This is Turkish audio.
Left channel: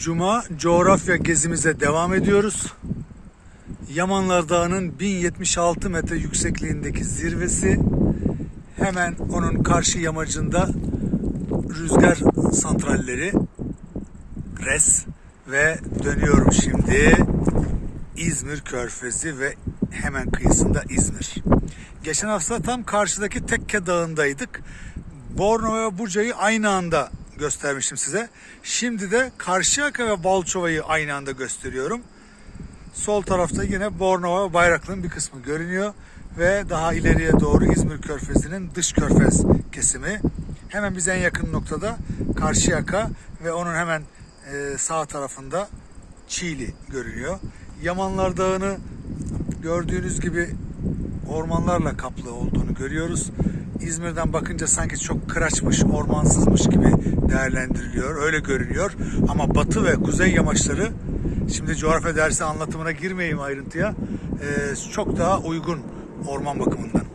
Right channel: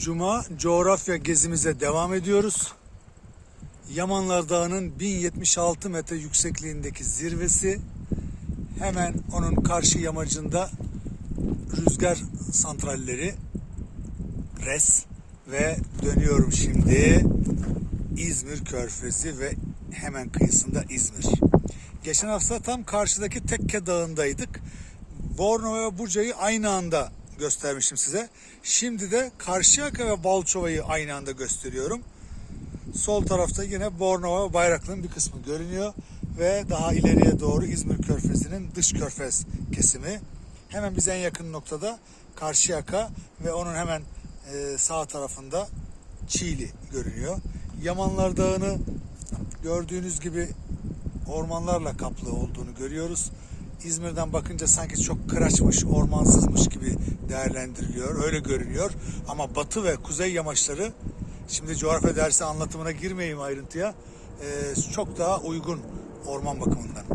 Cuma coğrafya gezimize devam ediyoruz. Yamanlar Dağı'nın 1076 metre yüksekliğindeki zirvesi. Hemen onun karşı yamacında rüzgar santralleri res ve dönüyorum şimdi İzmir Körfezi ve hemen kıyısında İzmir. Geçen hafta tam karşıdaki Tekke Dağı'ndaydık. Bornova ve Buca'yı aynı anda göstermiştim size. Şimdi de Karşıyaka ve Balçova'yı aynı anda gösteriyorum. Sol tarafta yine Bornova Bayraklı'nın bir kısmı görünüyor. Ve daha ileriye doğru İzmir Körfezi'nin dış körfez kesimi. Hemen bize en yakın noktada Karşıyaka ve onun hemen e, sağ tarafında Çiğli görünüyor. Yamanlar Dağı'nı gördüğünüz gibi ormanlarla kaplı olduğunu görüyoruz. İzmir'den bakınca sanki çok kıraçmış, ormansızmış gibi değerlendiriliyor. Öyle görünüyor. Ama batı ve kuzey yamaçları şimdi coğrafya dersi anlatımına girmeyeyim ayrıntıya. çok daha uygun orman bakımından.